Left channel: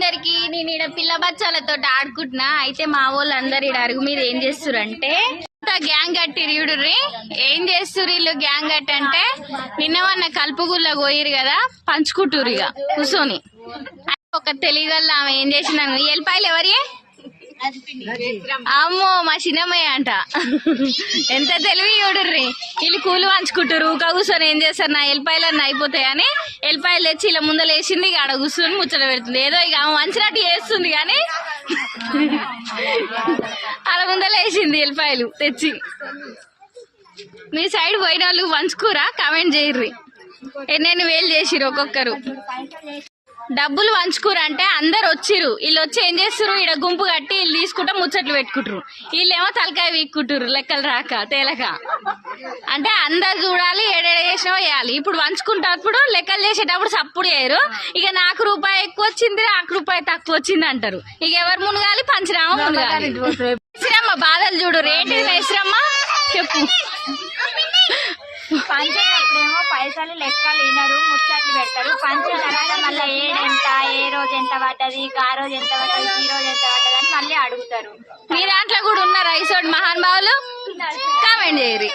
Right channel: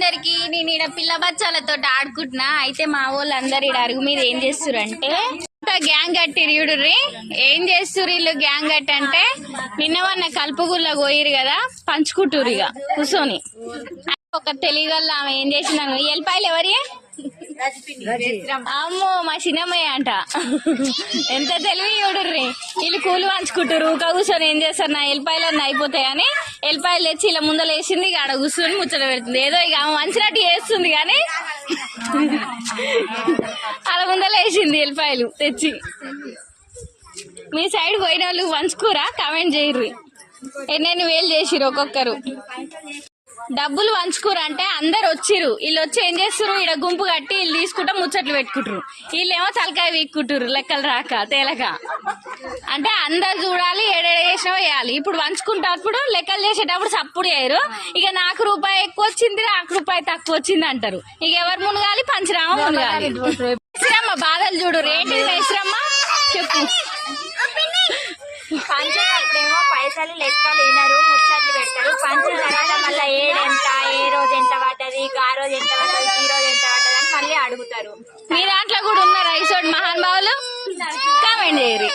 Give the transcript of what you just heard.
అందరికి నేను ఈడ పిల్ల బచ్చాలతో ఆడుకుంటున్నా. అయితే మా వాళ్ళు అందరు ఈడ అరుగు మీద ఏం చేస్తురంటే గ్యాంగ్ కట్టిరు చూడుర్రి. ఏం చేస్తురు వీళ్ళు గ్యాంగ్ కట్టి అంటే నిన్నవన్న కలుపుగుల్ల పోయిరు కదా, పంచుకుంటురు ఇక కూర్చొని. ఒక తెలియగల ఆమె ఏం చేసిందని ఎల్లిపాయలు ఎవరి అమ్మో మా చిన్నమ్మయ్య అంట. ఎంత తెలివి చూడుర్రి. వీళ్ళు కూలి పంచుకుంటారు. ఊక కూర్చొని ఏం చేస్తారు, నా ఎల్లిపాయలన్నీ అయిపోతాయని ఎల్లిపాయలు తెచ్చి ఇలా ముందర వేసింది. ఇక ఆడ కూర్చొని ముచ్చట పెడుతుంది. ఏదో ఇక ఆమె మంచినట్టు చేస్తుంది కానీ అలా ముందర వేసింది ఎల్లిపాయలు తెచ్చి. మీ సైడ్ పోయిన వాళ్ళు పంచుకోరా? కామెంట్ చేయర్రి. ఎన్నెన్ని వేలు చేసిరు ఒక్కొక్కరు. డబ్బులు పంచుకురు అంటే అందరు వచ్చిరు. వీళ్ళు వచ్చి ఏం చేస్తారు, ఈడ గుంపు కట్టి వీళ్ళు తీసుకుంటా ముచ్చట్లు పెట్టుకుంటారు. వీళ్ళేమో తలకాయ వీక్కుంటారు లెక్కలు రాక తేలక. అంటే అందరు చూడాలి, ఏడేడ చేసినా వేయాలి. ఇప్పుడు పంచుకుంటప్పుడు లెక్కలు చేసేటప్పుడు సప్పుడు చేయరు. ఇక నాకు రూపాయి ఎక్కువ వచ్చింది, నాకు రూపాయి తక్కువ వచ్చింది అంటారు. ఇక ఎవరు మునగాలి? పంచరామ మునగాలి. ఇస్రమ్మ బాధలు చూడు. ఏంటిది ఇస్రమ్మ చెప్పు. పంచేటప్పుడేమో పైసలు లెక్కలు వినరు, ముచ్చట్లు పెడతారు. పంచిన తర్వాత మళ్ళీ ఏడెంత, ఏ రోజు ఎంత పడ్డది, ఆ రోజు ఎంత పడ్డది, ఈ రోజు ఎంత పడ్డది అని మళ్ళీ అడుగుతారు. మీ దాంట్లో కూడా ఉన్నారా ఇసోటి మహానుభావులు? కామెంట్ చేయరు.